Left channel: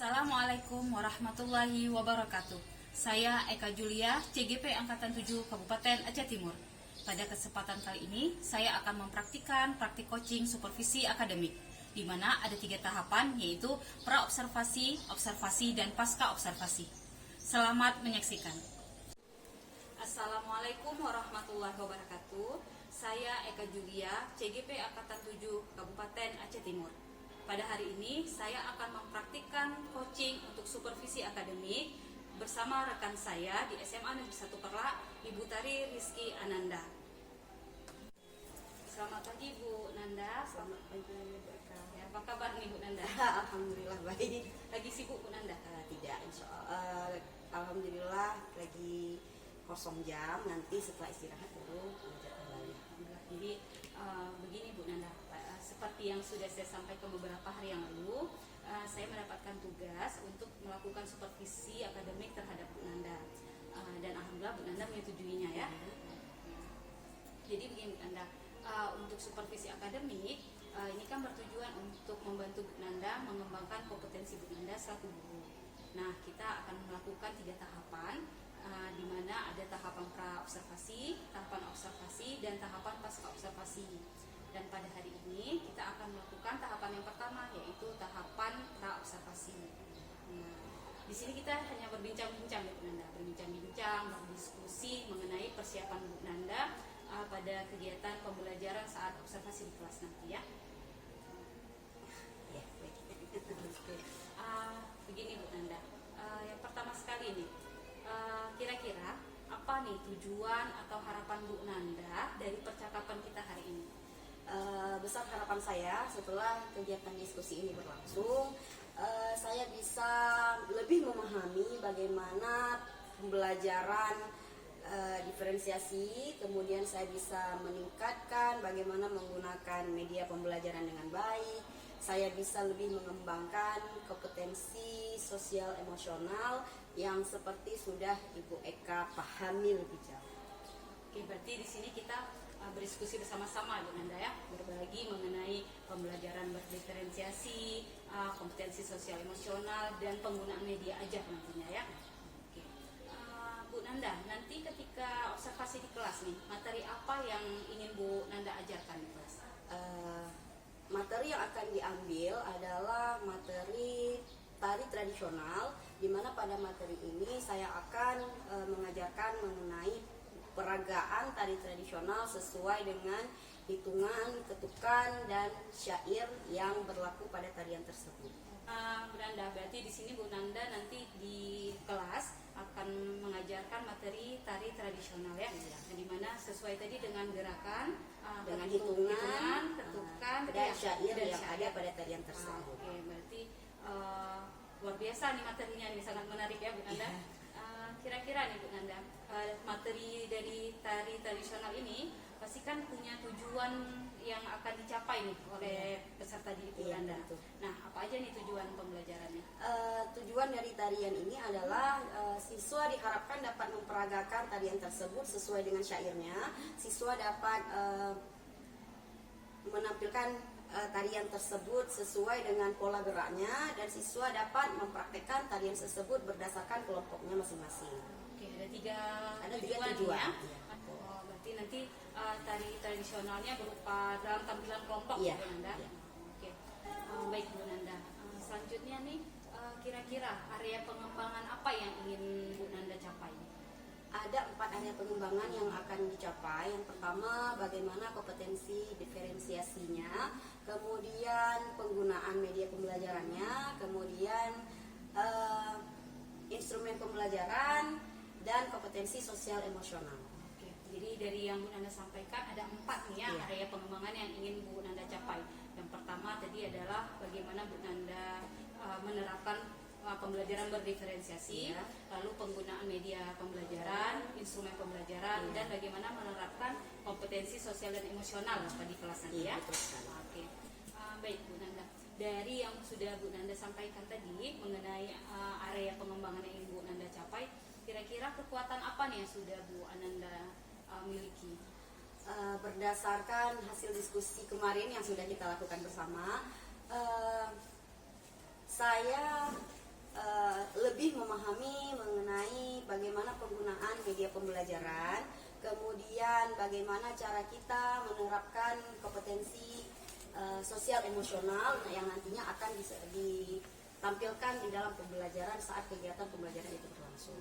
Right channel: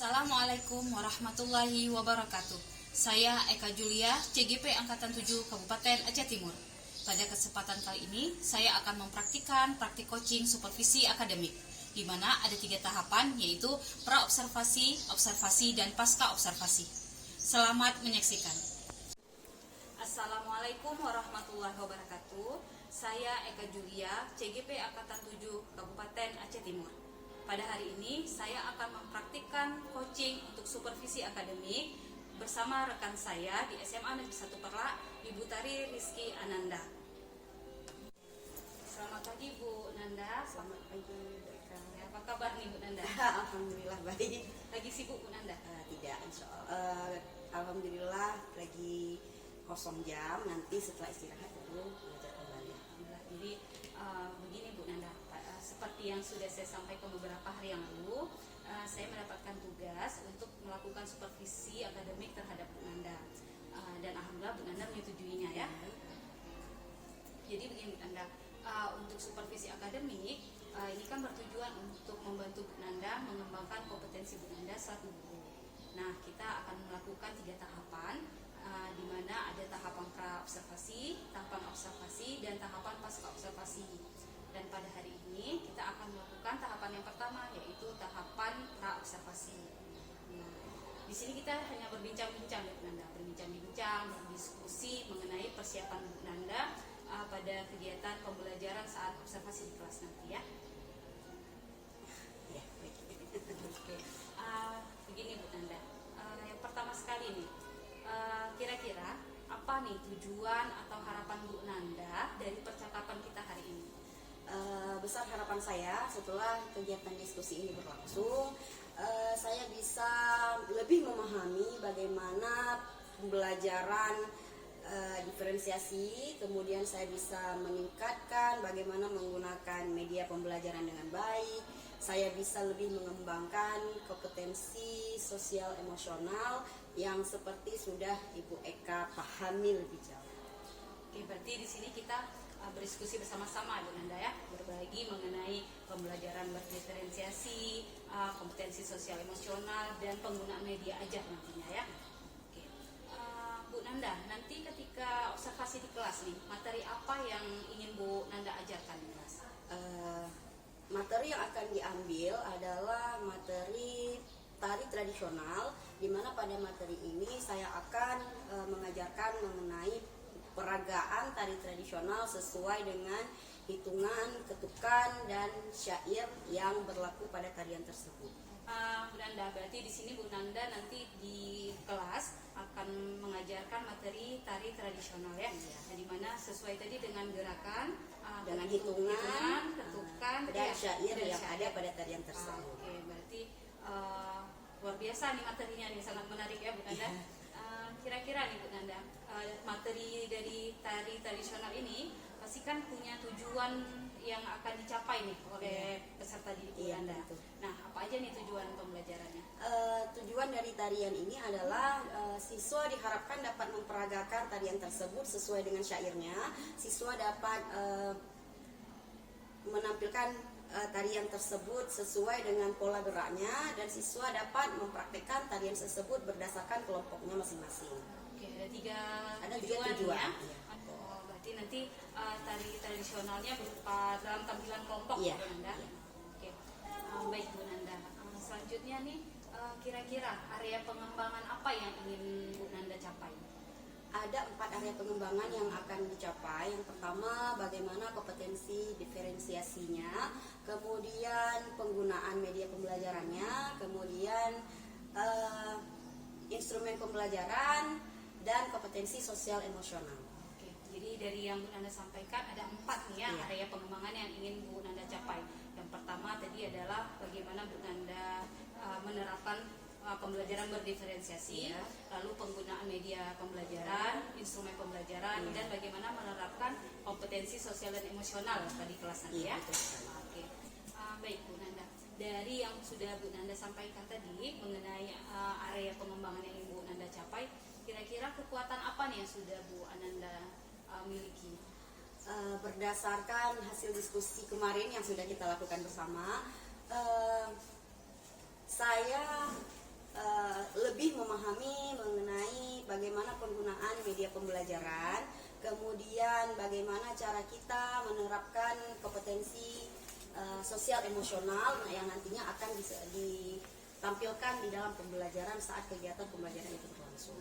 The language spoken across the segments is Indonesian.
Assalamualaikum warahmatullahi wabarakatuh. Saya Eka Julia, CGP Angkatan 7 Kabupaten Aceh Timur. Pada kesempatan kali ini, saya akan mempraktikkan praktik coaching supervisi akademik, di mana ada 3 tahapan, yaitu pra-observasi, observasi, dan pasca-observasi. Selamat menyaksikan. Assalamualaikum warahmatullahi wabarakatuh. Saya Eka Julia, CGP Angkatan 7 Kabupaten Aceh Timur. Pada hari ini, saya akan mempraktikkan coaching untuk supervisi akademik bersama rekan saya di SMA Negeri 1 Perlak, Ibu Tari Rizky Ananda. Selamat pagi Bu Nanda. Selamat pagi. Ya, apa kabar nih Bu Nanda? Alhamdulillah baik. Lagi sibuk Bu Nanda? Tidak, insya Allah. Alhamdulillah lagi kosong jam. Nanti setelah istirahat baru belajar kembali. Alhamdulillah. Jadi begini Bu Nanda, seperti yang sudah saya sampaikan beberapa hari yang lalu, saya mendapatkan tugas untuk melakukan supervisi akademik terhadap Bu Nanda, dan alhamdulillah Bu Nanda menyetujuinya ya. Jadi begini Bu Nanda, untuk supervisi akademik ini kan bertujuan untuk membantu Bu Nanda mengembangkan kompetensi Bu Nanda selaku guru. Nah, kita akan melakukan 3 tahapan, di mana ada tahapan pra-observasi, tahapan observasi, dan tahapan pasca-observasi. Dan pada hari ini kita akan melakukan tahapan yang pertama, yaitu tahapan pra-observasi. Nah, di sini kita hanya berbincang-bincang ya Bu Nanda, berbincang-bincang, berdiskusi mengenai persiapan Bu Nanda pada kegiatan pembelajaran saat observasi di kelas nanti ya. Ya, baik. Oke. Begini Bu Nanda, yang pertama sekali nih, kira-kira apa nih tujuan atau harapan Bu Nanda dari percakapan kita hari ini? Besar harapan saya setelah kegiatan diskusi ini berlangsung, saya bisa lebih memahami bagaimana pembelajaran diferensiasi, kemudian saya bisa meningkatkan bagaimana menggunakan media pembelajaran dengan baik. Saya bisa lebih mengembangkan kompetensi sosial emosional yang seperti sudah Ibu Eka pahami lebih jauh. Oke, berarti di sini kita berdiskusi bersama-sama Bu Nanda ya, berbagi mengenai pembelajaran berdiferensiasi, kompetensi sosial emosional, dan penggunaan media ajar nantinya ya. Oke. Bu Nanda, nanti ketika observasi di kelas nih, materi apa yang ingin Bu Nanda ajarkan di kelas? Materi yang akan diambil adalah materi tari tradisional, di mana pada materi ini saya akan mengajarkan mengenai peragaan tari tradisional sesuai dengan hitungan, ketukan, dan syair yang berlaku pada tarian tersebut. Bu Nanda, berarti di sini Bu Nanda nanti di kelas akan mengajarkan materi tari tradisional ya, nah, di mana sesuai tadi dengan gerakan, dengan hitungan, ketukan, dan syair yang ada pada tarian tersebut. Oke, berarti luar biasa nih materinya nih, sangat menarik ya Bu Nanda. Kira-kira nih Bu Nanda, materi dari tari tradisional ini pasti kan punya tujuan yang akan dicapai nih oleh peserta didik Bu Nanda. Betul. Nah, apa aja nih tujuan pembelajarannya? Tujuan dari tarian ini adalah siswa diharapkan dapat memperagakan tarian tersebut sesuai dengan syairnya. Siswa dapat menampilkan tarian tersebut sesuai dengan pola geraknya, dan siswa dapat mempraktekkan tarian tersebut berdasarkan kelompoknya masing-masing. Oke, ada 3 tujuan ya. ya. Oh, berarti nanti tari tradisionalnya berupa dalam tampilan kelompok Iya, Bu Nanda. iya. Oke, baik Bu Nanda. Selanjutnya nih, kira-kira area pengembangan apa yang ingin Bu Nanda capai? Ada 4 area pengembangan yang akan dicapai. Yang pertama, bagaimana kompetensi diferensiasinya, kemudian penggunaan media pembelajarannya, kemudian instrumen pembelajaran, dan kompetensi sosial emosional. Oke, jadi dari yang Bu Nanda sampaikan ada 4 nih ya, Iya. area pengembangan yang ingin Bu Nanda capai. Yang pertama tadi adalah bagaimana Bu Nanda menerapkan pembelajaran berdiferensiasi, Iya. lalu penggunaan media pembelajaran, instrumen pembelajaran, Iya. dan bagaimana menerapkan kompetensi sosial dan emosional di kelas nanti ya. Iya, betul sekali. Oke, baik Bu Nanda. Dari yang sudah Bu Nanda sampaikan tadi mengenai area pengembangan yang ingin Bu Nanda capai, kira-kira kekuatan apa nih yang sudah Bu Nanda miliki? Berdasarkan hasil diskusi kemarin yang sudah kita lakukan bersama, saya lebih memahami mengenai bagaimana penggunaan media pembelajaran, kemudian bagaimana cara kita menerapkan kompetensi sosial emosional yang nantinya akan ditampilkan di dalam pembelajaran saat kegiatan pembelajaran itu berlangsung.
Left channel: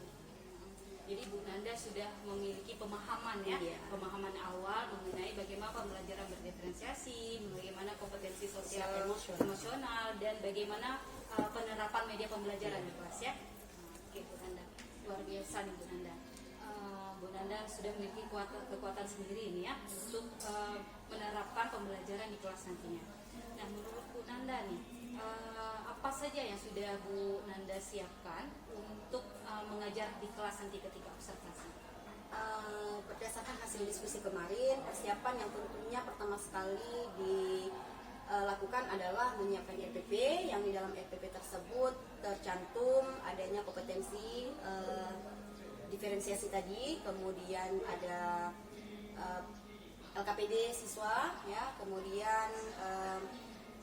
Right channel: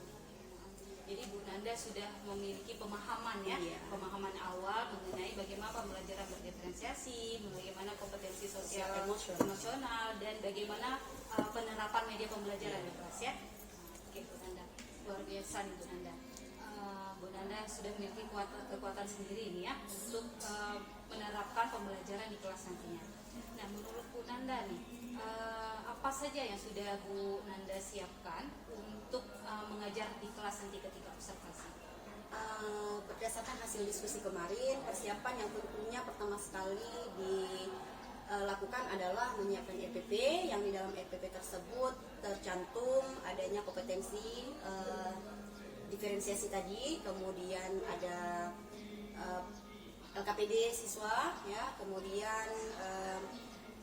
Jadi Bu Nanda sudah memiliki pemahaman ya, Iya. pemahaman awal mengenai bagaimana pembelajaran berdiferensiasi, bagaimana kompetensi sosial emosional, dan bagaimana penerapan media pembelajaran di kelas ya. Oke Bu Nanda, luar biasa nih Bu Nanda. Bu Nanda sudah memiliki kekuatan sendiri ini ya untuk menerapkan pembelajaran di kelas nantinya. Nah menurut Bu Nanda nih, apa saja yang sudah Bu Nanda siapkan untuk mengajar di kelas nanti ketika observasi? Berdasarkan hasil diskusi kemarin, persiapan yang tentunya pertama sekali dilakukan adalah menyiapkan RPP, yang di dalam RPP tersebut tercantum adanya kompetensi diferensiasi tadi, kemudian ada LKPD siswa, ya, kemudian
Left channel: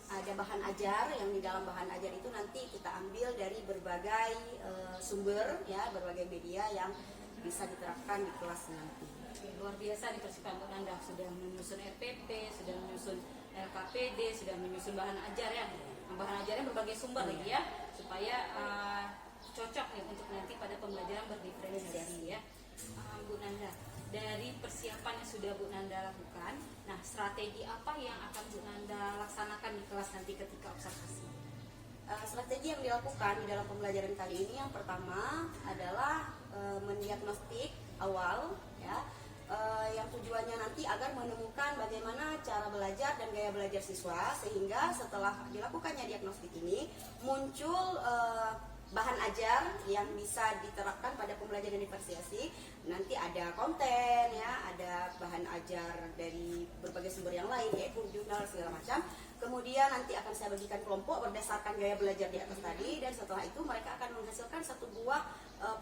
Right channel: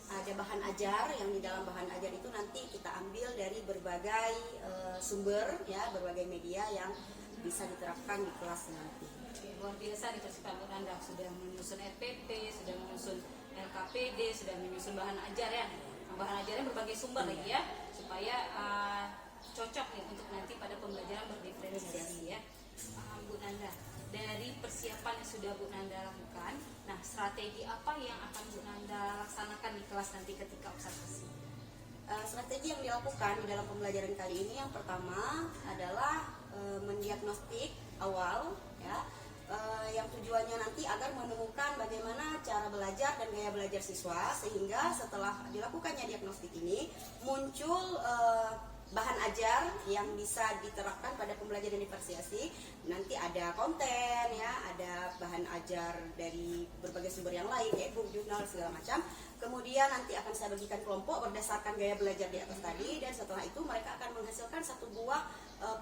ada bahan ajar, yang di dalam bahan ajar itu nanti kita ambil dari berbagai sumber, ya, berbagai media yang bisa diterapkan di kelas nanti. Oke, luar biasa di persiapan Bu Nanda, sudah menyusun RPP, sudah menyusun LKPD, sudah menyusun bahan ajar ya. Nah, bahan ajarnya berbagai sumber lagi ya, supaya cocok nih untuk nanti pada pembelajaran berdiferensiasi ya. Bu Nanda, dari persiapan yang sudah Bu Nanda lakukan, nah strategi apa yang akan Bu Nanda laksanakan di kelas nanti ketika observasi? Strategi yang dilakukan di dalam pembelajaran kali ini yang pertama adalah mendiagnostik awal, ya, yang tujuannya nanti agar menemukan bagaimana cara belajar dan gaya belajar siswa, sehingga setelah dilakukannya diagnostik ini muncul bahan ajar yang bisa diterapkan pada pembelajaran diferensiasi. Nanti ada konten, ya, ada bahan ajar dari berbagai sumber yang lain, yaitu jurnal segala macam. Kemudian nanti akan saya bagikan kelompok berdasarkan gaya belajar di atas tadi, dan setelah itu mereka akan menghasilkan satu buah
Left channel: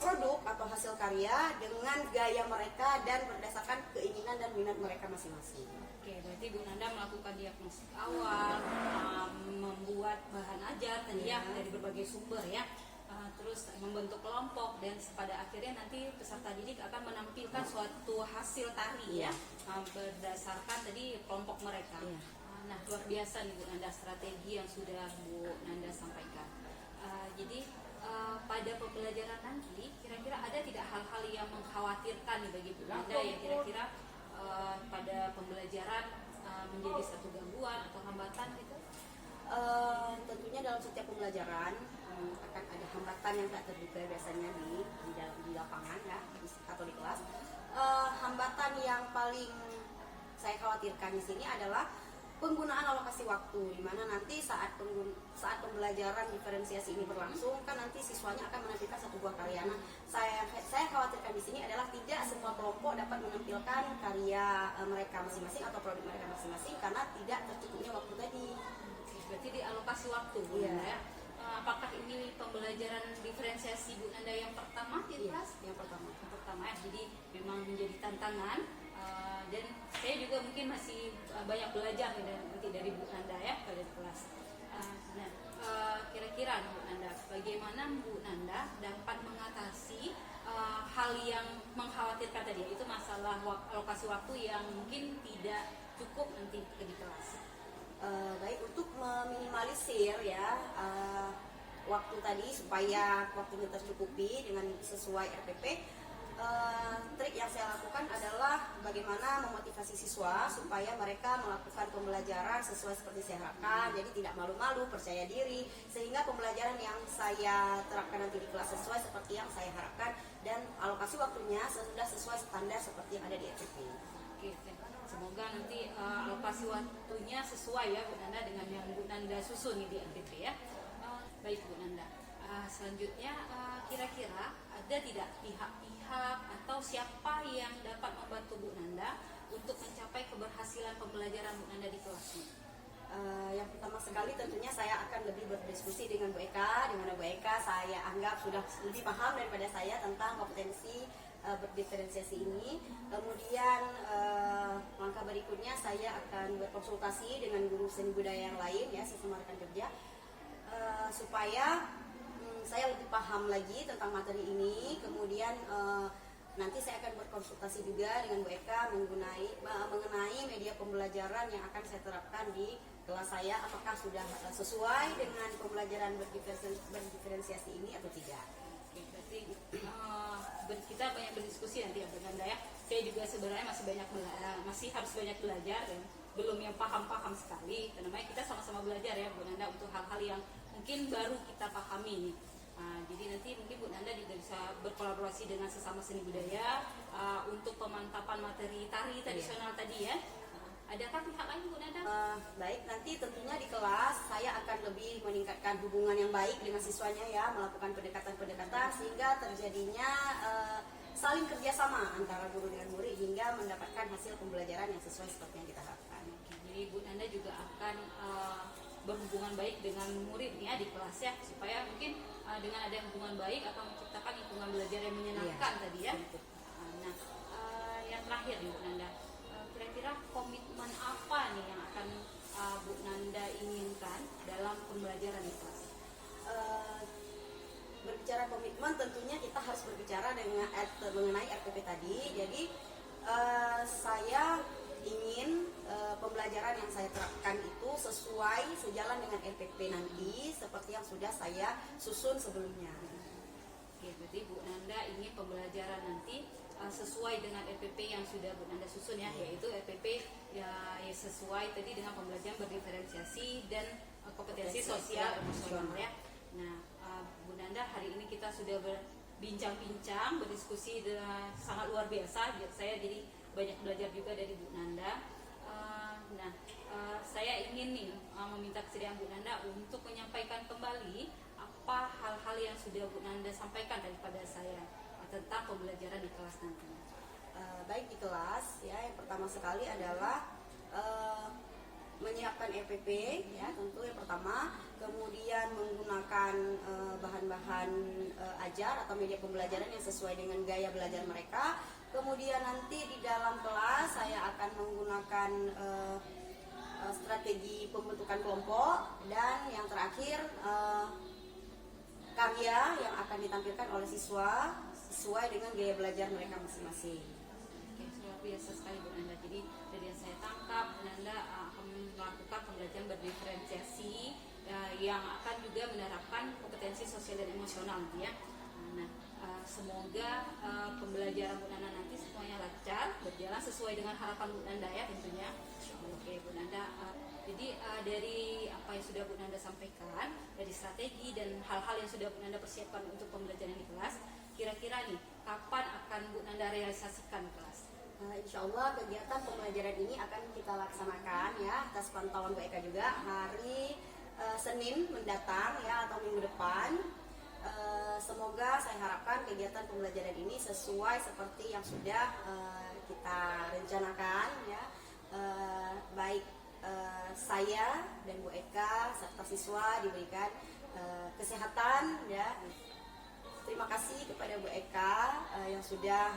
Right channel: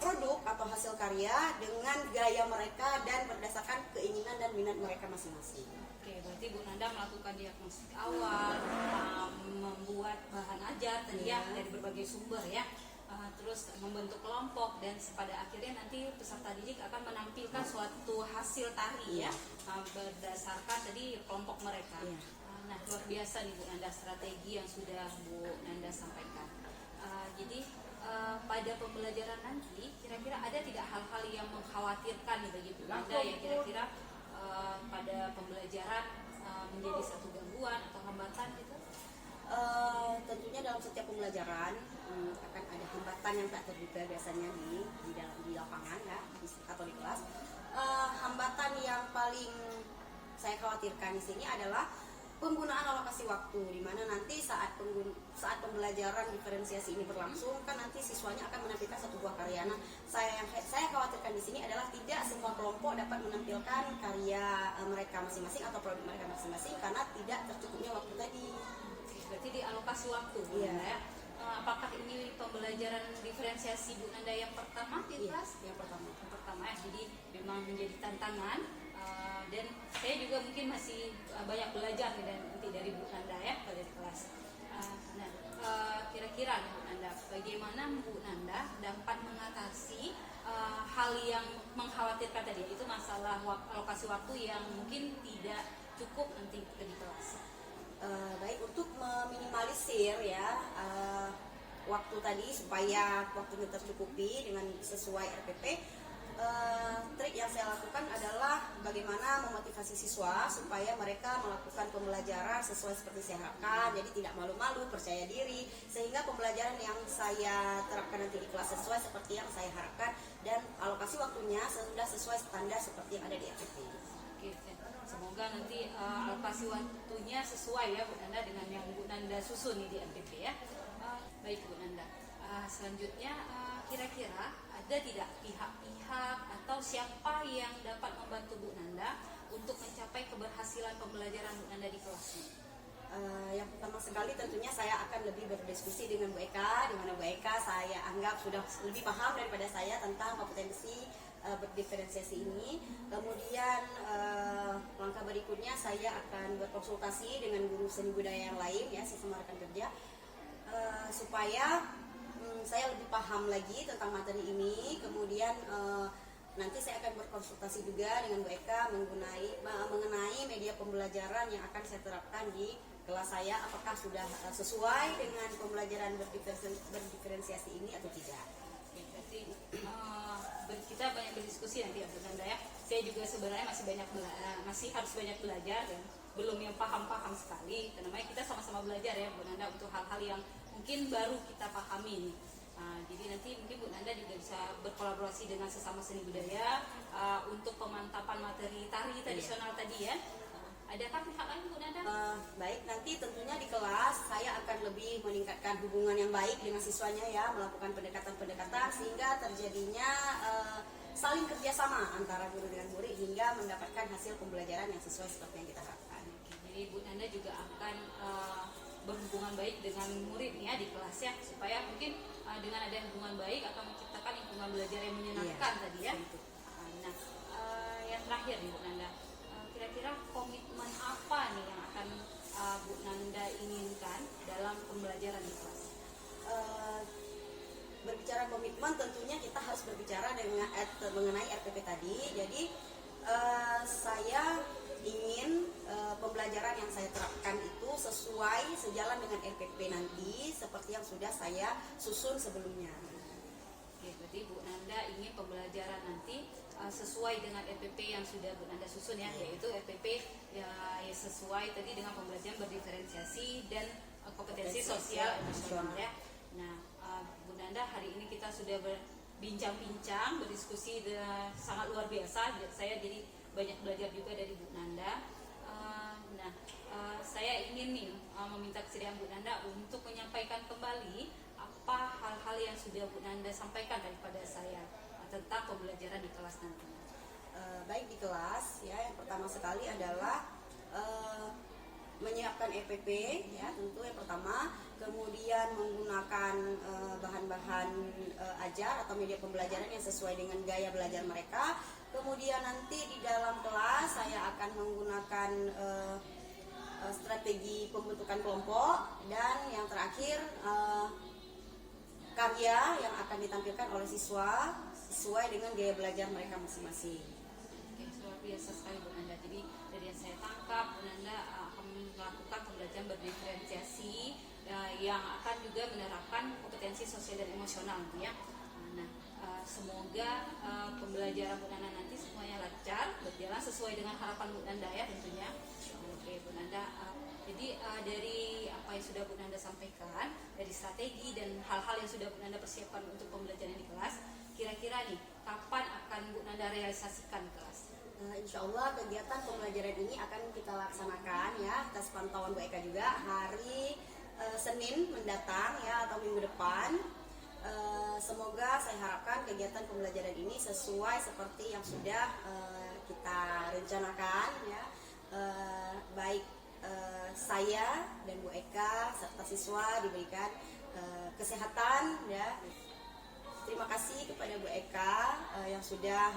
produk atau hasil karya dengan gaya mereka dan berdasarkan keinginan dan minat mereka masing-masing. Oke, berarti Bu Nanda melakukan diagnostik awal, membuat bahan ajar tadi ya dari berbagai sumber ya, terus membentuk kelompok, dan pada akhirnya nanti peserta didik akan menampilkan suatu hasil tari ya, berdasarkan tadi kelompok mereka. Nah luar biasa nih Bu Nanda strategi yang sudah Bu Nanda sampaikan. Jadi pada pembelajaran nanti kira-kira ada tidak hal-hal yang mengkhawatirkan nih bagi Bu Nanda yang kira-kira pada pembelajaran menjadi satu gangguan atau hambatan gitu? Tentunya dalam setiap pembelajaran akan ada hambatan yang tak terduga biasanya di lapangan, ya, atau di kelas. Hambatan yang paling saya khawatirkan di sini adalah penggunaan alokasi waktu, di mana nanti saat pembelajaran diferensiasi ini berlangsung, kan nanti siswanya akan menampilkan satu buah karya. Nah, saya khawatirkan di sini adalah tidak semua kelompok dapat menampilkan karya mereka masing-masing atau produk mereka masing-masing karena tidak tercukupnya waktu tadi. Berarti dialokasi waktu Bu Nanda ya. Apakah ini pembelajaran diferensiasi Bu Nanda yang pertama di kelas? Yang pertama Ya, jadi memang menjadi tantangan, dan saya juga mungkin masih banyak belajar nih nanti dari Bu Nanda ya pada kelas. Kira-kira nih Bu Nanda, bagaimana Bu Nanda dapat mengatasi hal yang mengkhawatirkan tadi, yaitu masalah alokasi waktu yang mungkin tidak cukup nanti di kelas? Baik, untuk meminimalisir ya waktu tadi supaya waktunya tercukupi dengan sesuai RPP, trik yang saya lakukan adalah bagaimana memotivasi siswa supaya mereka melakukan pembelajaran sesuai seperti saya harapkan, jadi tidak malu-malu, percaya diri, sehingga pembelajaran yang saya terapkan nanti di kelas sesuai seperti yang saya harapkan, dan alokasi waktunya sudah sesuai standar seperti yang ada di RPP. Oke, semoga nanti alokasi waktunya sesuai ya Bu Nanda dengan yang Bu Nanda susun nih di NPP ya. Baik Bu Nanda, selanjutnya kira-kira ada tidak pihak-pihak atau siapa yang dapat membantu Bu Nanda untuk mencapai keberhasilan pembelajaran Bu Nanda di kelasnya? Yang pertama sekali tentunya saya akan lebih berdiskusi dengan Bu Eka, di mana Bu Eka saya anggap sudah lebih paham daripada saya tentang kompetensi berdiferensiasi ini. Kemudian langkah berikutnya saya akan berkonsultasi dengan guru seni budaya yang lain, ya, sesama rekan kerja, supaya saya lebih paham lagi tentang materi ini. Kemudian nanti saya akan berkonsultasi juga dengan Bu Eka mengenai media pembelajaran yang akan saya terapkan di kelas saya, apakah sudah sesuai dengan pembelajaran berdiferensiasi ini atau tidak. Oke, berarti kita banyak berdiskusi nanti ya Bu Nanda ya. Saya juga sebenarnya masih harus banyak belajar ya, belum yang paham-paham sekali. Namanya kita sama-sama belajar ya Bu Nanda untuk hal-hal yang mungkin baru kita pahami nih. Jadi nanti mungkin Bu Nanda juga bisa berkolaborasi dengan sesama seni budaya untuk pemantapan materi tari tradisional tadi ya. Adakah pihak lain Bu Nanda? Baik, nanti tentunya di kelas saya akan lebih meningkatkan hubungan yang baik dengan siswanya ya, melakukan pendekatan-pendekatan sehingga terjadinya saling kerjasama antara guru dengan murid hingga mendapatkan hasil pembelajaran yang sesuai seperti yang kita harapkan. Jadi Bu Nanda juga akan berhubungan baik dengan murid ya di kelas ya, supaya mungkin dengan ada hubungan baik akan menciptakan lingkungan belajar yang menyenangkan tadi ya. Nah, yang terakhir nih Bu Nanda, kira-kira komitmen apa nih yang akan Bu Nanda inginkan dalam pembelajaran di kelas? Berbicara komitmen, tentunya kita harus berbicara dengan mengenai RPP tadi. Jadi saya ingin pembelajaran yang saya terapkan itu sejalan dengan RPP nanti seperti yang sudah saya susun sebelumnya. Oke, berarti Bu Nanda ingin pembelajaran nanti sesuai dengan RPP yang sudah Bu Nanda susun ya, yaitu RPP ya sesuai tadi dengan pembelajaran berdiferensiasi dan kompetensi sosial emosional ya. Nah, Bu Nanda, hari ini kita sudah berbincang-bincang, berdiskusi sangat luar biasa. Saya jadi banyak belajar juga dari Bu Nanda. Saya ingin nih meminta kesediaan Bu Nanda untuk menyampaikan kembali apa hal-hal yang sudah Bu Nanda sampaikan daripada saya tentang pembelajaran di kelas nantinya. Baik, di kelas ya, yang pertama sekali adalah menyiapkan RPP ya, tentu yang pertama, kemudian menggunakan bahan-bahan ajar atau media pembelajaran yang sesuai dengan gaya belajar mereka. Kemudian nanti di dalam kelas saya akan menggunakan strategi pembentukan kelompok, dan yang terakhir karya yang akan ditampilkan oleh siswa sesuai dengan gaya belajar mereka masing-masing. Oke, luar biasa sekali Bu Nanda. Jadi dari yang saya tangkap, Bu Nanda akan melakukan pembelajaran berdiferensiasi yang akan juga menerapkan kompetensi sosial dan emosional ya. Nah, semoga pembelajaran Bu Nanda nanti semuanya lancar, berjalan sesuai dengan harapan Bu Nanda ya tentunya. Oke Bu Nanda, jadi dari apa yang sudah Bu Nanda sampaikan, dari strategi dan hal-hal yang sudah Bu Nanda persiapkan untuk pembelajaran di kelas, kira-kira nih kapan akan Bu Nanda realisasikan kelas? Insya Allah kegiatan pembelajaran ini akan kita laksanakan ya atas pantauan Bu Eka juga hari Senin mendatang ya, atau minggu depan. Semoga saya harapkan kegiatan pembelajaran ini sesuai seperti yang sudah kita rencanakan ya. Baik saya dan Bu Eka serta siswa diberikan kesehatan ya. Terima kasih kepada Bu Eka yang sudah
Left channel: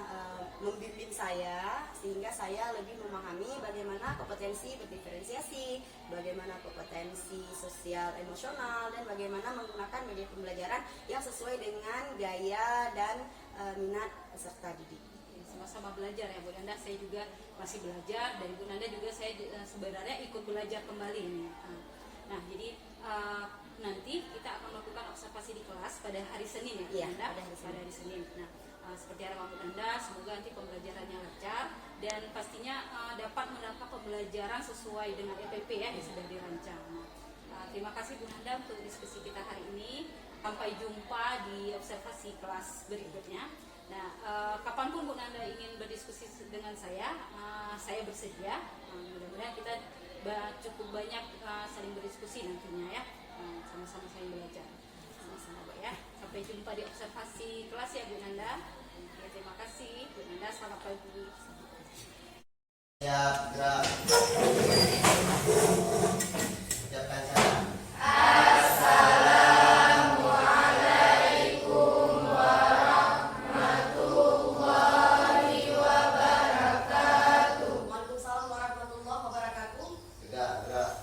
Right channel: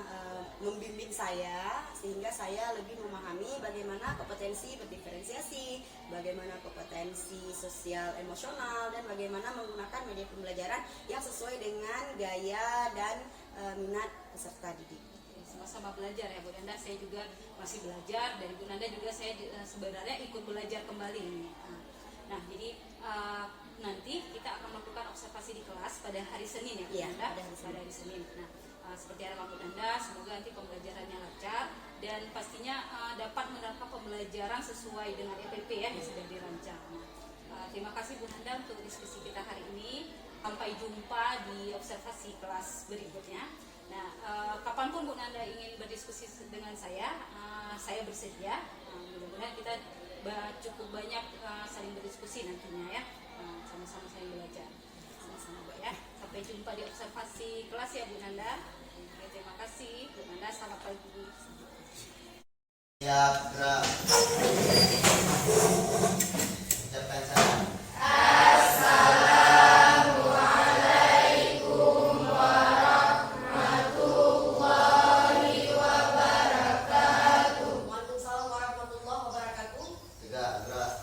membimbing saya sehingga saya lebih memahami bagaimana kompetensi berdiferensiasi, bagaimana kompetensi sosial emosional, dan bagaimana menggunakan media pembelajaran yang sesuai dengan gaya dan minat peserta didik. Sama-sama belajar ya Bu Nanda, saya juga masih belajar, dari Bu Nanda juga saya sebenarnya ikut belajar kembali ini. Nah, jadi nanti kita akan melakukan observasi di kelas pada hari Senin ya Bu Nanda, pada hari Senin. Nah, seperti harapan Bu Nanda, semoga nanti pembelajarannya lancar dan pastinya dapat menerapkan pembelajaran sesuai dengan RPP ya yang sudah dirancang. Nah, terima kasih Bu Nanda untuk diskusi kita hari ini. Sampai jumpa di observasi kelas berikutnya. Nah, kapanpun Bu Nanda ingin berdiskusi dengan saya bersedia. Mudah-mudahan kita cukup banyak saling berdiskusi nantinya ya, sama-sama saling belajar. Sama-sama Bu ya. Sampai jumpa di observasi kelas ya Bu Nanda. Oke, terima kasih Bu Nanda. Selamat pagi. Ya, ucapkan salam. Waalaikumsalam warahmatullahi wabarakatuh. Gerak.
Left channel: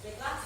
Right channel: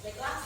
Baiklah,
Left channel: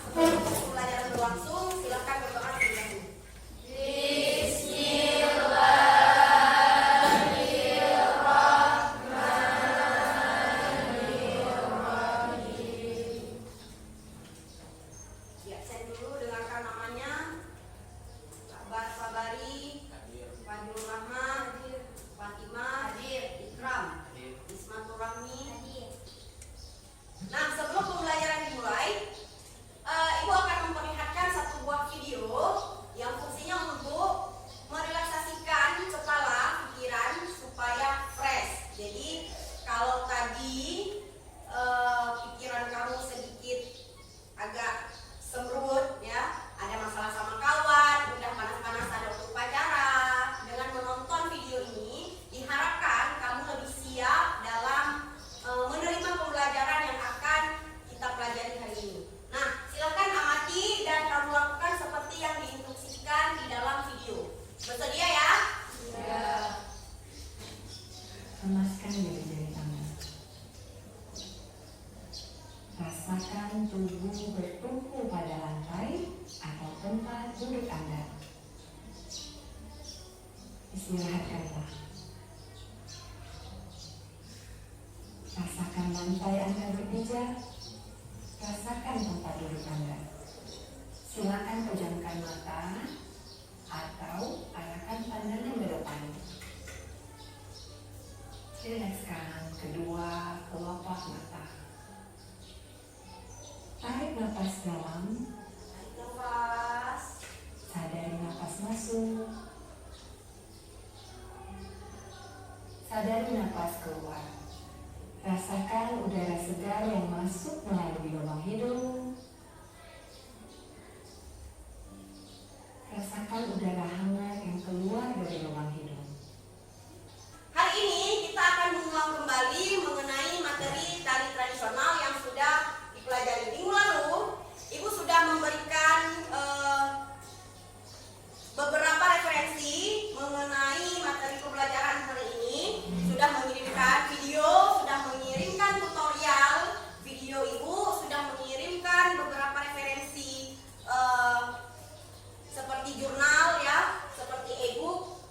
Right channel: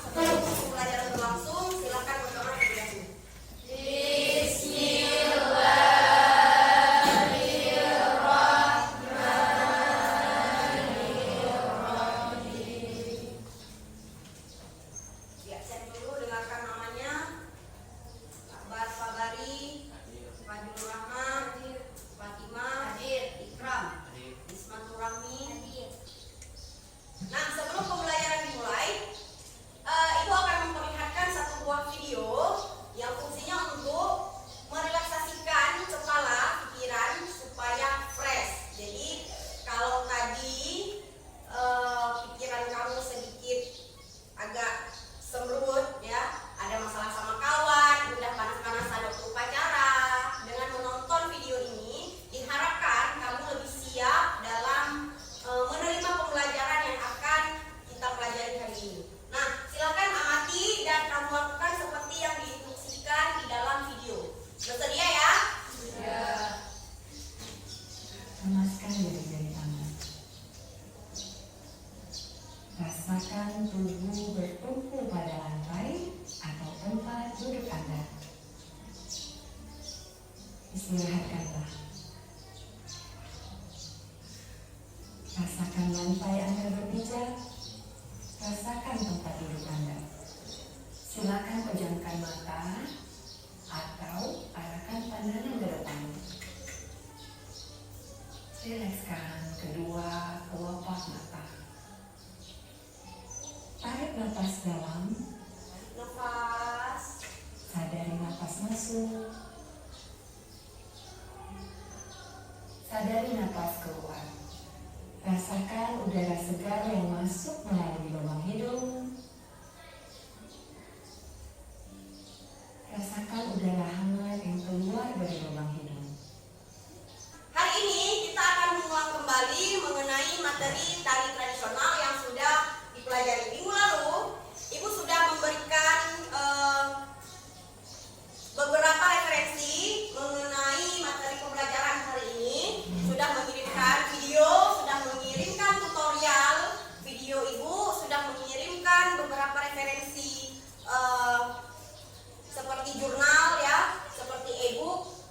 Istirahatkanlah. Rasakan lantai Anda berpijak. Rasakan tempat duduk Anda. Silakan pejamkan mata atau arahkan pandangan ke depan. Rilekskan kedua kelopak mata. Tarik napas dalam. Nafas. Sadari napas masuk. Sadari napas keluar. Rasakan udara segar yang masuk melalui lubang hidung. Rasakan udara hangat yang keluar dari lubang hidung. Hari ini kita akan mengulang kembali mengenai materi tari tradisional yang sudah dipelajari minggu lalu. Ibu sudah memberikan beberapa referensi mengenai materi pembelajaran hari ini. Sudah mengirimkan video, sudah mengirimkan tutorial video ibu, sudah mengirimkan beberapa referensi seperti jurnal ya, seperti e-book.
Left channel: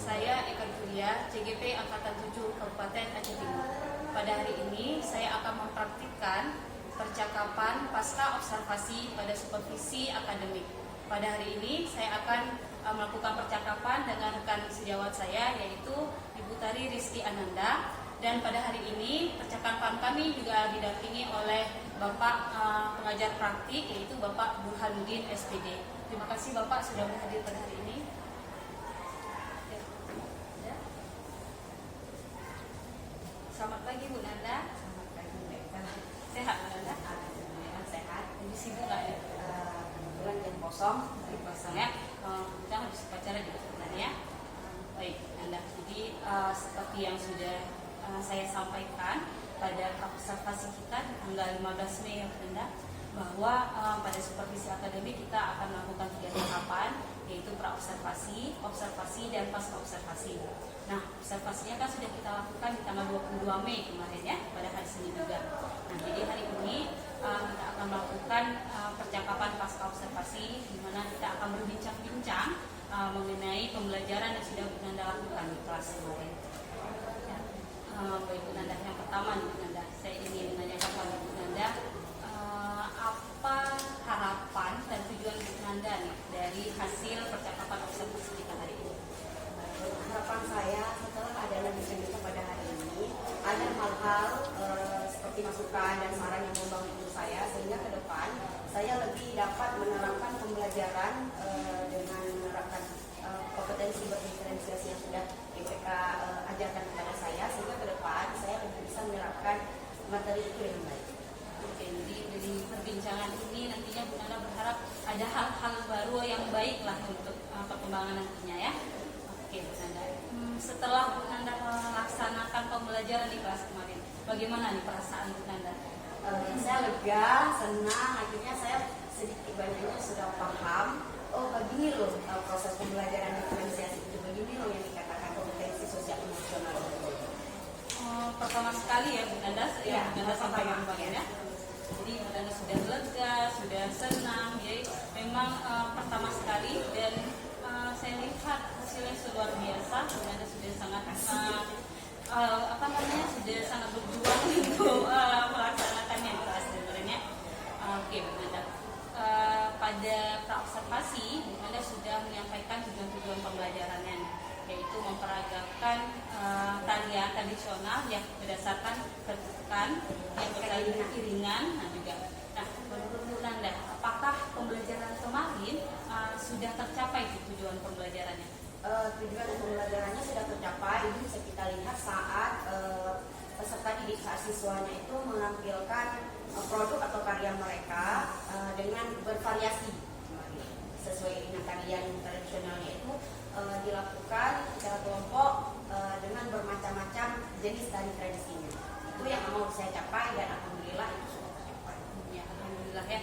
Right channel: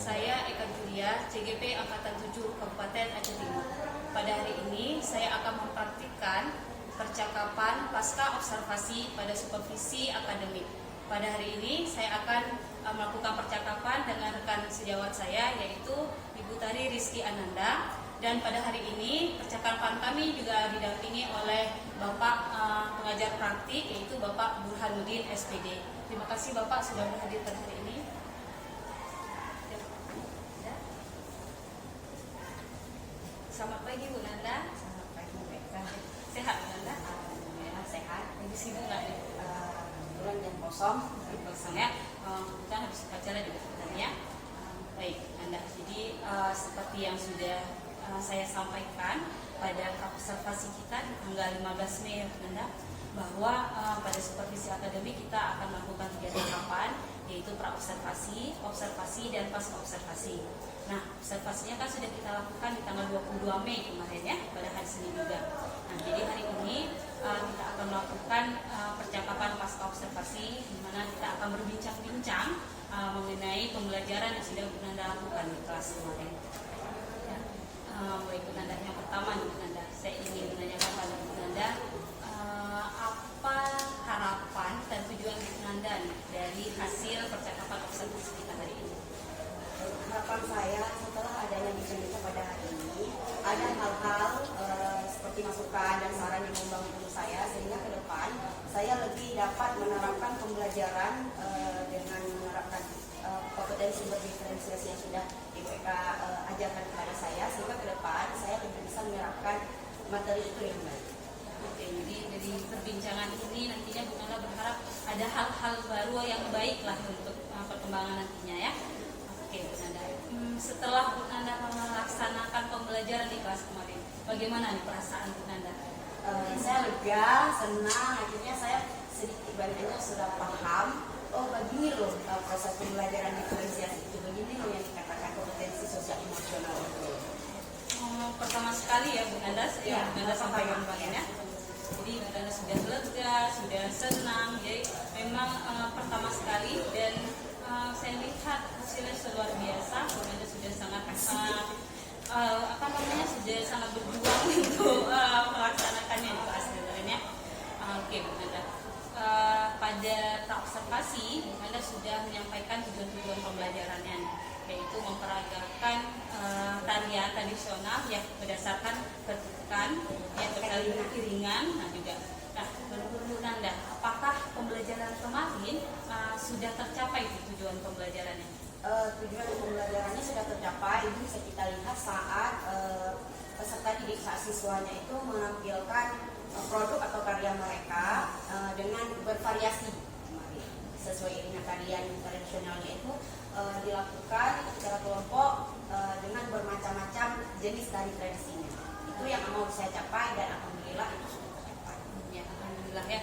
Saya Eka Julia, CGP Angkatan 7 Kabupaten Aceh Timur. Pada hari ini saya akan mempraktikkan percakapan pasca observasi pada supervisi akademik. Pada hari ini saya akan melakukan percakapan dengan rekan sejawat saya yaitu Ibu Tari Rizky Ananda, dan pada hari ini percakapan kami juga didampingi oleh Bapak pengajar praktik yaitu Bapak Burhanuddin SPD. Terima kasih Bapak sudah berhadir pada hari ini. Selamat pagi Bu Nanda. Selamat pagi mereka. Sehat Bu Nanda? Alhamdulillah sehat. Lagi sibuk nggak nih? Kebetulan jam kosong. Pasang ya. Kita habis upacara juga sebenarnya ya. Baik Bu Nanda. Jadi seperti yang sudah saya sampaikan pada observasi kita di tanggal 15 Mei ya Bu Nanda, bahwa pada supervisi akademik kita akan melakukan 3 tahapan, yaitu pra-observasi, observasi, dan pasca-observasi. Nah, observasinya kan sudah kita lakukan di tanggal 22 Mei kemarin ya, pada hari Senin juga. Nah, jadi hari ini kita akan melakukan percakapan pasca-observasi, di mana kita akan berbincang-bincang mengenai pembelajaran yang sudah Bu Nanda lakukan di kelas kemarin. Ya. Baik Bu Nanda, yang pertama nih Bu Nanda, saya ingin menanyakan pada Bu Nanda, apa harapan dan tujuan Bu Nanda nih dari hasil percakapan observasi kita hari ini? Harapan saya setelah adanya bincang kita pada hari ini, ada hal-hal seperti masukan dan saran yang membangun untuk saya, sehingga ke depan saya lebih dapat menerapkan pembelajaran dengan menerapkan kompetensi berdiferensiasi yang sudah IPK ajarkan kepada saya, sehingga ke depan saya lebih bisa menerapkan materi itu dengan baik. Oke, jadi dari perbincangan ini nantinya Bu Nanda berharap ada hal-hal baru yang baik lah untuk perkembangan nantinya ya. Oke Bu Nanda, setelah Bu Nanda melaksanakan pembelajaran di kelas kemarin, bagaimana nih perasaan Bu Nanda? Saya lega, senang, akhirnya saya sedikit banyaknya sudah paham. Oh begini loh proses pembelajaran diferensiasi itu, begini loh yang dikatakan kompetensi sosial emosional itu. Pertama sekali ya Bu Nanda, Ya, Bu Nanda sampaikan pertama, kemarin ya. ya. Jadi Bu Nanda sudah lega, sudah senang, jadi memang pertama sekali dan saya lihat hasilnya luar biasa. Bu Nanda sudah sangat sudah sangat berjuang untuk melaksanakannya di kelas sebenarnya. Oke Bu Nanda, pada pra-observasi Bu Nanda sudah menyampaikan tujuan-tujuan pembelajarannya, yaitu memperagakan tarian tradisional yang berdasarkan ketukan yang beriringan. Nah juga, nah menurut Bu Nanda, apakah pembelajaran kemarin sudah tercapai tujuan pembelajarannya? Tujuan pembelajarannya sudah tercapai. Itu bisa kita lihat saat peserta didik, saat siswanya itu menampilkan produk atau karya mereka dengan bervariasi sesuai dengan tarian tradisionalnya itu dilakukan secara kelompok dengan bermacam-macam jenis tari tradisinya. Itu yang mau saya capai dan alhamdulillah itu sudah tercapai. Ya, alhamdulillah ya.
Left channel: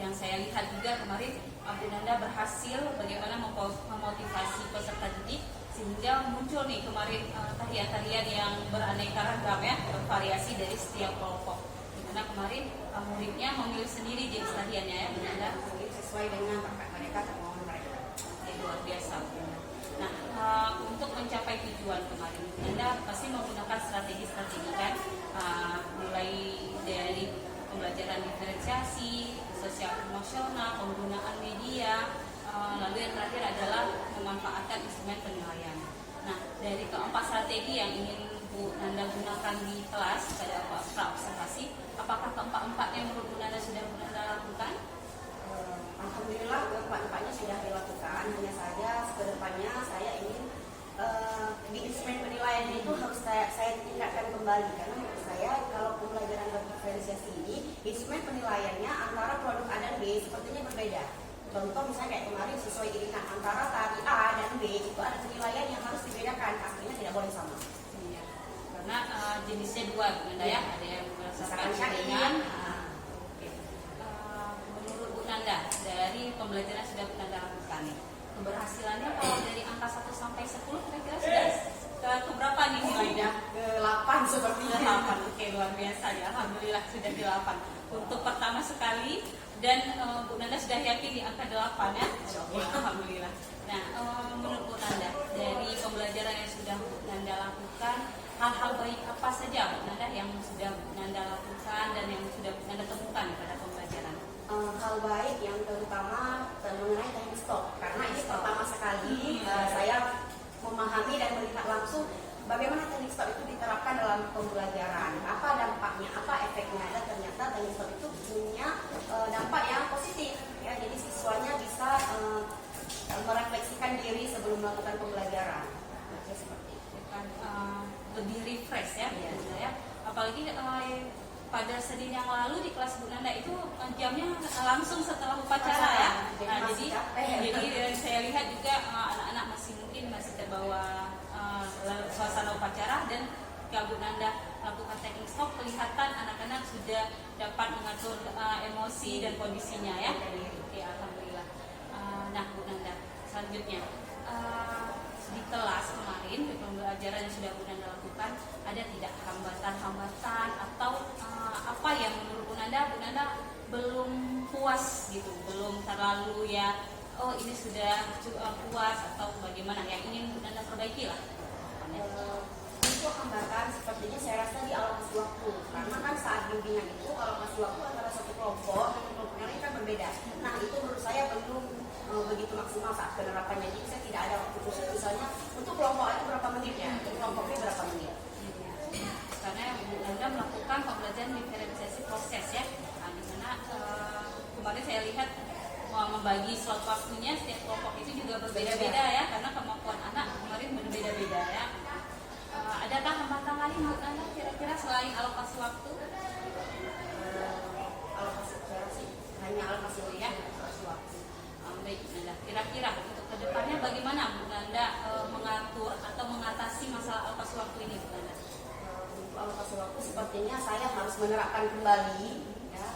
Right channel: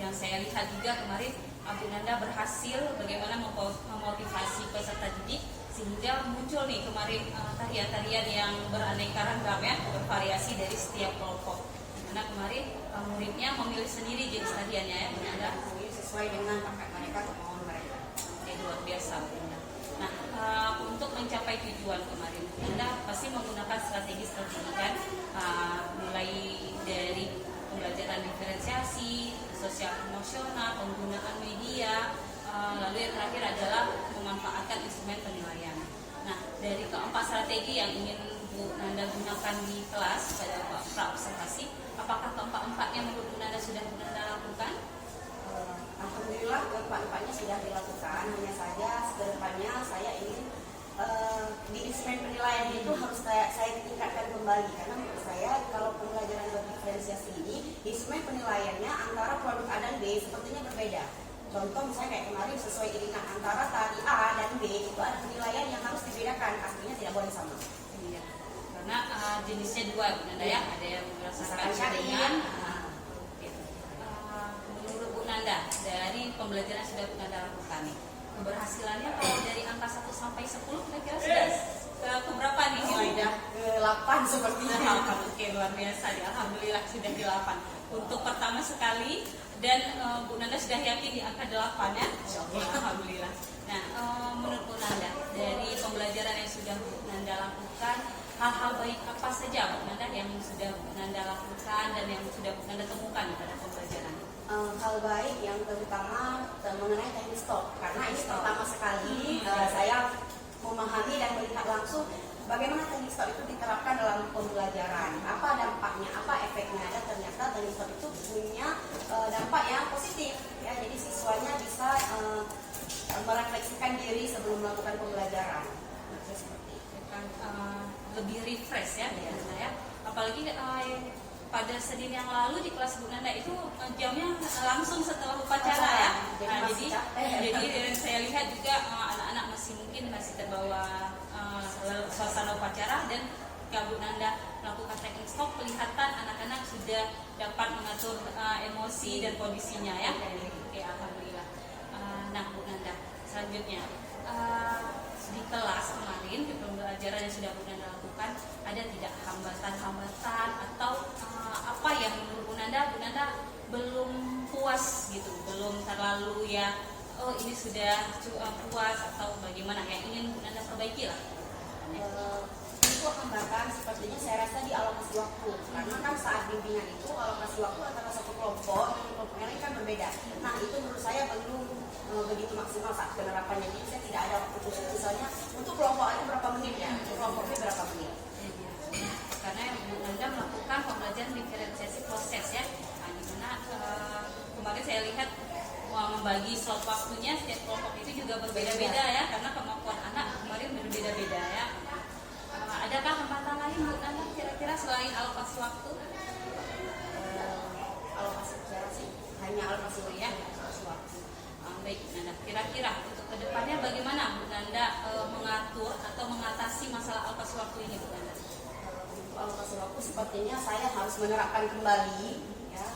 Yang saya lihat juga kemarin Bu Nanda berhasil bagaimana memotivasi peserta didik sehingga muncul nih kemarin tarian-tarian yang beraneka ragam ya, bervariasi dari setiap kelompok. Dimana kemarin muridnya memilih sendiri jenis tariannya ya Bu Nanda, Sesuai dengan bakat mereka, kemauan mereka. itu luar biasa Bu Nanda. Nah, untuk mencapai tujuan kemarin Bu Nanda pasti menggunakan strategi-strategi kan, mulai dari pembelajaran diferensiasi, sosial emosional, penggunaan media, lalu yang terakhir adalah memanfaatkan instrumen penilaian. Nah, dari keempat strategi yang ingin Bu Nanda gunakan di kelas pada pra-observasi, apakah keempat-empatnya menurut Bu Nanda sudah Bu Nanda lakukan? Alhamdulillah keempat-empatnya sudah dilakukan. Hanya saja kedepannya saya ingin di instrumen penilaian itu harus saya tingkatkan kembali, karena menurut saya kalau pembelajaran berdiferensiasi ini instrumen penilaiannya antara produk A dan B sepertinya berbeda. Contoh misalnya kayak kemarin sesuai iringan antara tari A dan B itu ada penilaian yang harus dibedakan, aslinya tidak boleh sama. Iya, karena jenisnya dua Bu Nanda ya, ada yang berdasarkan Syariat. Oke. Menurut Bu Nanda, dari pembelajaran sudah Bu Nanda lakukan nih, keberhasilannya kalau dari angka 1 sampai 10 kira-kira sudah ke berapa nih nilainya? Ke 8 sepertinya. 8. Oke, luar biasa ya. Alhamdulillah sudah di 8. Untuk pertama sekali dan Bu Nanda sudah yakin di angka 8 ya. Oke, alhamdulillah. Nah, menurut Bu Nanda, dari pembelajaran yang sudah Bu Nanda lakukan, hal-hal baik apa saja Bu Nanda yang sudah Bu Nanda lakukan dan yang sudah Bu Nanda temukan pada pembelajaran? Hal baik yang terutama mengenai teknik stop, karena ini pertama sekali saya memahami dan melihat langsung bagaimana teknik stop itu diterapkan dalam pembelajaran, apa dampaknya, apa efeknya, dan ternyata teknik stop itu punya dampak yang positif ya, jadi siswanya bisa merefleksikan diri sebelum melakukan pembelajaran. Seperti itu. Kan, lebih refresh ya, Bu Nanda ya. Apalagi pada Senin yang lalu di kelas Bu Nanda itu jamnya langsung setelah upacara ya. Nah, jadi saya lihat juga anak-anak masih terbawa suasana upacara, dan ketika Bu Nanda melakukan taking stock kelihatan anak-anak sudah dapat mengatur emosi dan kondisinya ya. Oke, alhamdulillah. Nah, Bu Nanda, selanjutnya di kelas kemarin di pembelajaran yang sudah Bu Nanda lakukan, ada tidak hambatan-hambatan atau apa yang menurut Bu Nanda belum puas gitu, belum terlalu ya, oh ini sudah puas, atau bagaimana yang ingin Bu Nanda perbaiki lah? Untuk hambatan sepertinya saya rasa di alokasi waktu, karena kan saat bimbingan itu alokasi waktu antara satu kelompok dengan kelompok yang lain kan berbeda. Nah, itu menurut saya belum begitu maksimal saat penerapannya. Jadi saya tidak ada waktu khusus, misalnya untuk kelompok A berapa menit ya, untuk kelompok B berapa menit. Karena Bu Nanda melakukan pembelajaran diferensiasi proses ya, nah, di mana kemarin saya lihat membagi slot waktunya setiap kelompok itu juga berbeda-beda ya, karena kemampuan anak kemarin berbeda-beda ya. Adakah hambatan lain Bu Nanda kira-kira selain alokasi waktu? Alokasi bicara sih hanya alokasi waktu ya, alokasi waktu. Baik Bu Nanda, kira-kira untuk kedepannya bagaimana Bu Nanda mengatur atau mengatasi masalah alokasi waktu ini Bu Nanda? Untuk alokasi waktu sepertinya saya harus menerapkan kembali ya,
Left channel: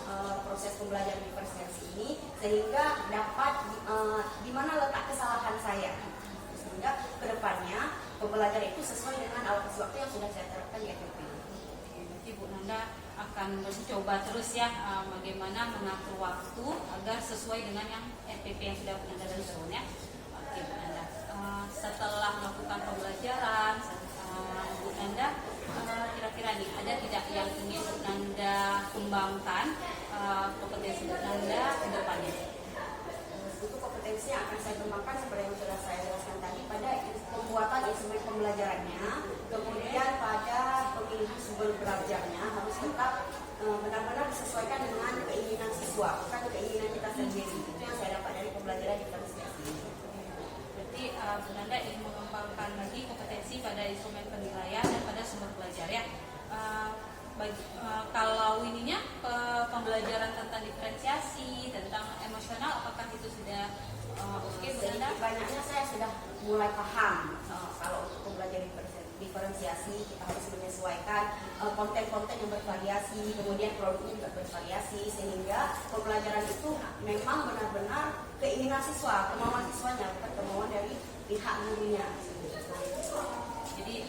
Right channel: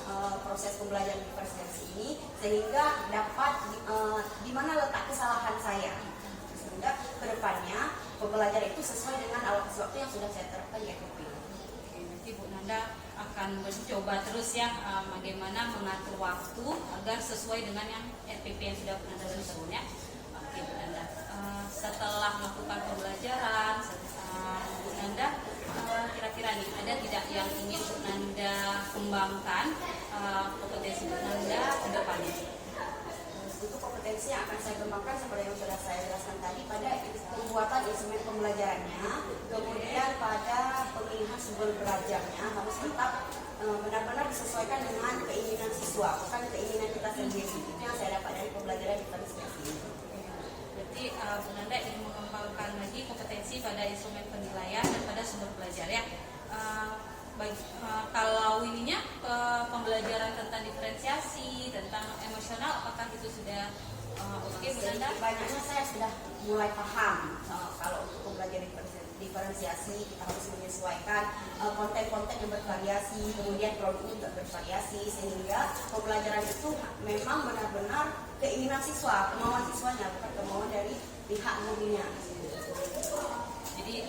proses pembelajaran diferensiasi ini, sehingga dapat di mana letak kesalahan saya, sehingga kedepannya pembelajaran itu sesuai dengan alokasi waktu yang sudah saya terapkan di FFP. Nanti Bu Nanda akan mencoba terus ya bagaimana mengatur waktu agar sesuai dengan yang FPP yang sudah Bu Nanda susun ya. Oke Bu Nanda, setelah melakukan pembelajaran Bu Nanda, kira-kira nih ada tidak yang ingin Bu Nanda kembangkan kompetensi Bu Nanda ke depannya? Untuk kompetensi yang akan saya kembangkan seperti yang sudah saya jelaskan tadi, pada pembuatan instrumen pembelajarannya, kemudian pada pemilihan sumber belajarnya harus tetap benar-benar disesuaikan dengan keinginan siswa, bukan keinginan kita sendiri. Itu yang saya dapat dari pembelajaran diferensiasi ini. Berarti Bu Nanda ingin mengembangkan lagi kompetensi pada instrumen penilaian dan pada sumber belajar ya. Kalau ininya pembelajaran tentang diferensiasi, tentang emosional, apakah itu sudah oke Bu Nanda? Banyaknya saya sudah mulai paham. Kalau untuk pembelajaran diferensiasi kita harus menyesuaikan konten-konten yang bervariasi, kemudian produk juga bervariasi, sehingga pembelajaran itu memang benar-benar keinginan siswa, kemauan siswanya, bukan kemauan dari pihak gurunya. Jadi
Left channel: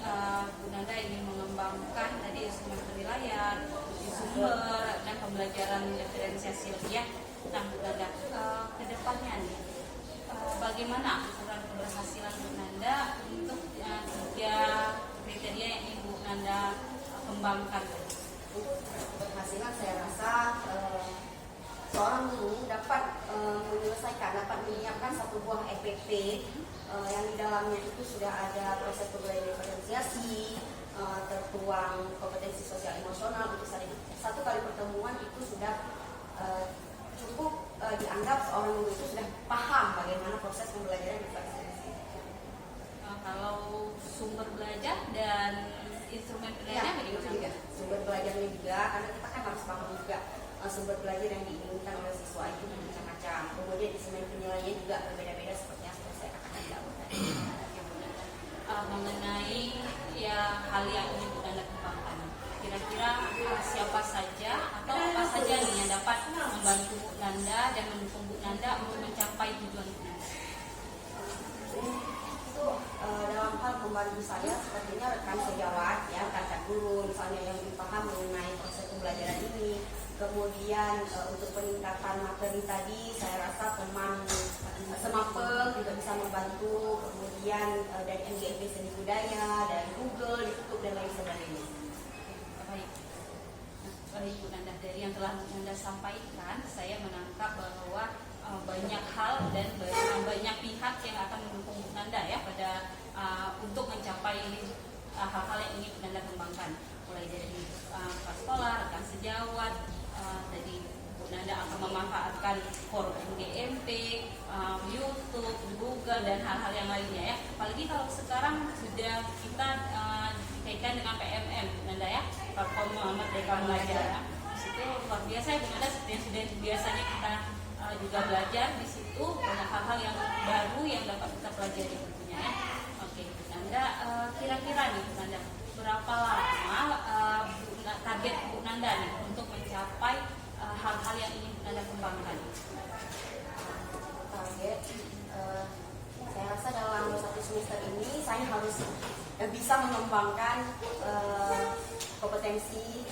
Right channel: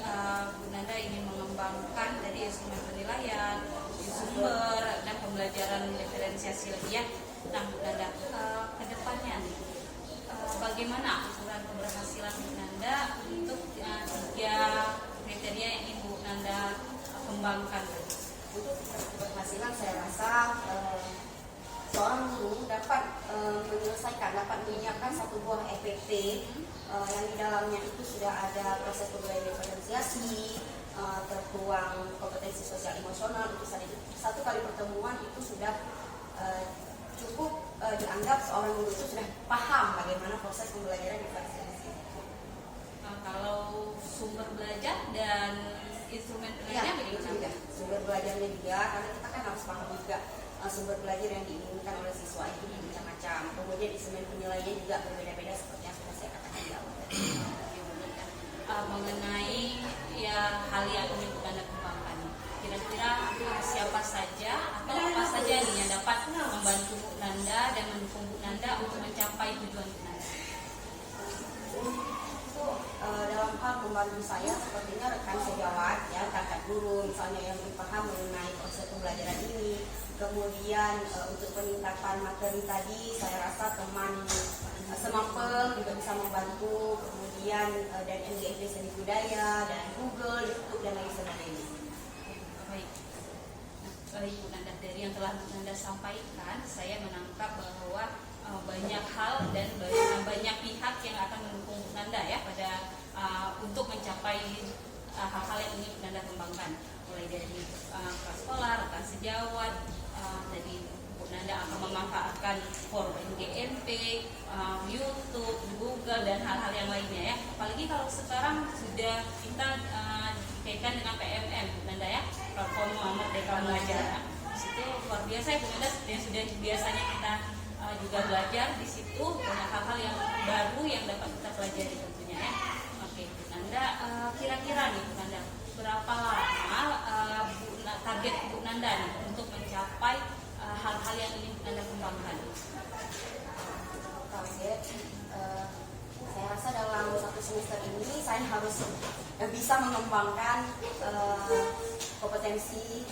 Bu Nanda ingin mengembangkan tadi instrumen penilaian, sumber dan pembelajaran diferensiasi lebih ya. Nah Bu Nanda, kedepannya nih, bagaimana ukuran keberhasilan Bu Nanda untuk 3 kriteria yang Ibu Nanda kembangkan tadi? Untuk keberhasilan saya rasa seorang guru dapat dapat menyiapkan satu buah EPP yang di dalamnya itu sudah ada proses pembelajaran diferensiasi, tertuang kompetensi sosial emosional. Itu satu kali pertemuan itu sudah cukup dianggap seorang guru itu sudah paham bagaimana proses pembelajaran diferensiasi. Kalau sumber belajar dan instrumen penilaiannya bagaimana? Juga. Sumber belajarnya juga, karena kita kan harus paham juga sumber belajar yang diinginkan oleh siswa itu macam-macam. Kemudian instrumen penilaiannya juga berbeda-beda seperti yang sudah saya katakan di awal tadi. Mengenai ya hal yang ingin Bu Nanda kembangkan, kira-kira siapa saja atau apa saja nih yang dapat membantu Bu Nanda dan mendukung Bu Nanda untuk mencapai tujuan Bu Nanda? Dalam hal membantu saya sepertinya rekan sejawat ya, kakak guru misalnya yang lebih paham mengenai proses pembelajaran ini. Kemudian untuk peningkatan materi tadi saya rasa teman semapel juga bisa membantu. Kemudian dari MGMP Seni Budaya, dari Google, YouTube dan lain sebagainya. Baik. Baik Bu Nanda, dari yang telah Bu Nanda sampaikan, saya menangkap bahwa banyak hal dan banyak pihak yang akan mendukung Bu Nanda ya pada untuk mencapai hal-hal yang ingin Bu Nanda kembangkan, mulai dari sekolah, rekan sejawat, tadi Bu Nanda akan memanfaatkan forum MGMP, YouTube, Google dan hal-hal yang lainnya ya. Apalagi kalau sekarang sudah kita kaitan dengan PMM Bu Nanda ya, platform Merdeka Belajar. Di situ luar biasa ya Bu Nanda, yang sudah biasanya kita juga belajar di situ, banyak hal-hal yang baru yang dapat kita pelajari tentunya ya. Oke Bu Nanda, kira-kira nih Bu Nanda, berapa lama target Bu Nanda nih untuk mencapai hal-hal yang ingin Bu Nanda kembangkan? Target, saya rasa dalam 1 semester ini saya harus bisa mengembangkan kompetensi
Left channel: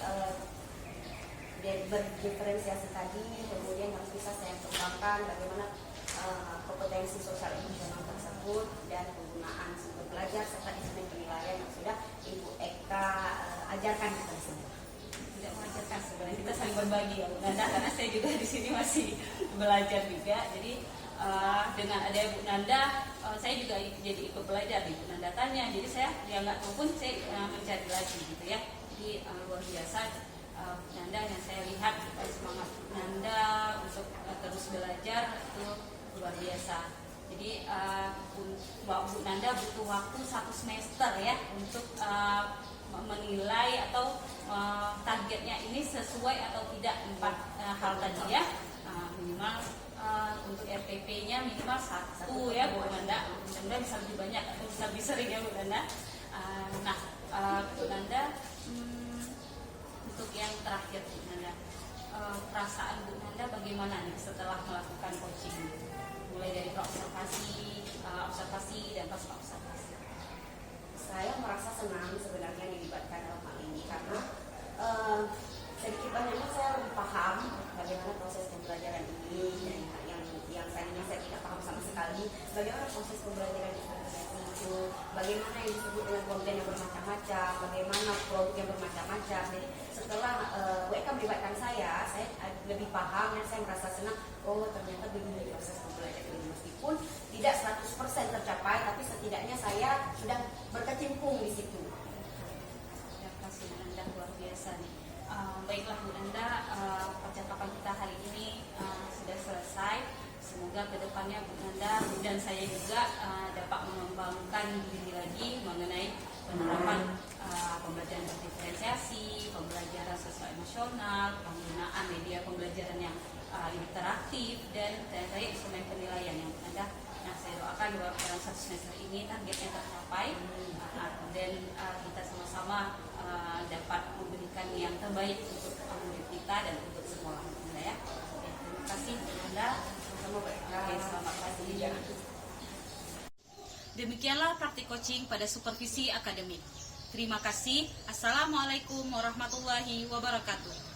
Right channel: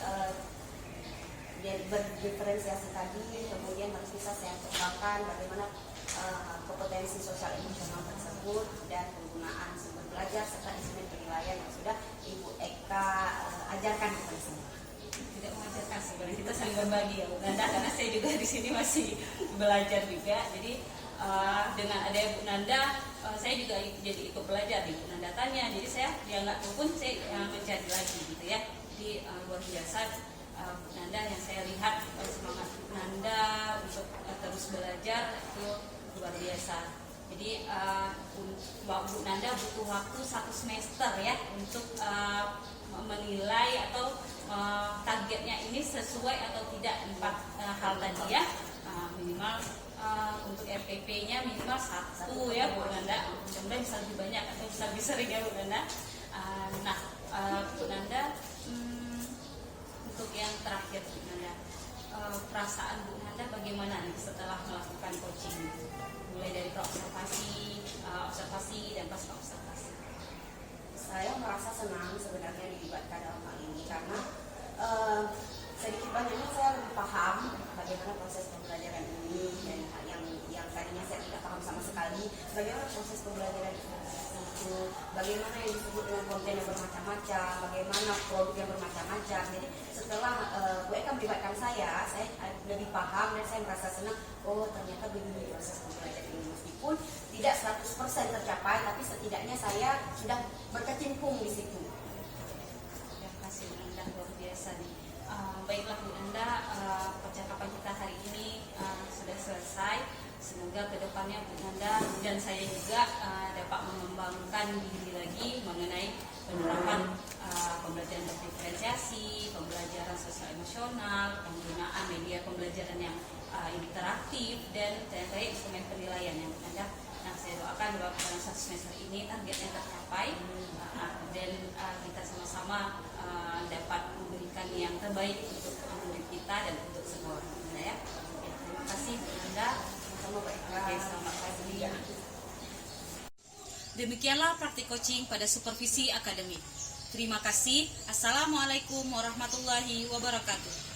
berdiferensiasi tadi, kemudian harus bisa saya kembangkan bagaimana kompetensi sosial emosional tersebut dan penggunaan sumber belajar serta instrumen penilaian yang sudah Ibu Eka ajarkan kepada saya. Tidak mengajarkan sebenarnya, kita saling berbagi ya Bu Nanda, karena saya juga di sini masih belajar juga. Jadi dengan adanya Bu Nanda, saya juga jadi ikut belajar di Bu Nanda tanya. Jadi saya dia nggak tahu pun saya mencari lagi gitu ya. Jadi luar biasa Bu Nanda yang saya lihat semangat Bu Nanda untuk terus belajar itu luar biasa. Jadi Bu Nanda butuh waktu 1 semester ya untuk menilai atau targetnya ini sesuai atau tidak 4 hal tadi ya. Minimal untuk RPP-nya minimal 1 ya Bu Nanda. Mudah-mudahan bisa lebih banyak atau bisa lebih sering ya Bu Nanda. Bu Nanda, untuk yang terakhir Bu Nanda, perasaan Bu Nanda bagaimana nih setelah melakukan coaching, mulai dari observasi dan pasca observasi? Saya merasa senang sebenarnya dilibatkan dalam hal ini karena sedikit banyaknya saya lebih paham bagaimana proses pembelajaran ini, dan yang tadinya saya tidak paham sama sekali, bagaimana proses pembelajaran itu, bagaimana yang disebut dengan konten yang bermacam-macam, bagaimana produk yang bermacam-macam. Jadi setelah mereka melibatkan saya lebih paham dan saya merasa senang. Oh, ternyata begini proses pembelajaran ini, meskipun tidak 100% tercapai, tapi setidaknya saya sudah berkecimpung di situ. Terima kasih Bu Nanda, luar biasa nih. Baiklah Bu Nanda, percakapan kita hari ini sudah selesai. Semoga kedepannya Bu Nanda dan saya juga dapat mengembangkan diri lagi mengenai penerapan pembelajaran berdiferensiasi, pembelajaran sosial emosional, penggunaan media pembelajaran yang interaktif, dan terkait instrumen penilaian yang Bu Nanda. Nah, saya doakan bahwa dalam 1 semester ini targetnya tercapai dan kita sama-sama dapat memberikan yang terbaik untuk murid kita dan untuk sekolah kita ya. Oke, terima kasih Bu Nanda. Oke, selamat pagi. Demikianlah praktik coaching pada supervisi akademik. Terima kasih. Assalamualaikum warahmatullahi wabarakatuh.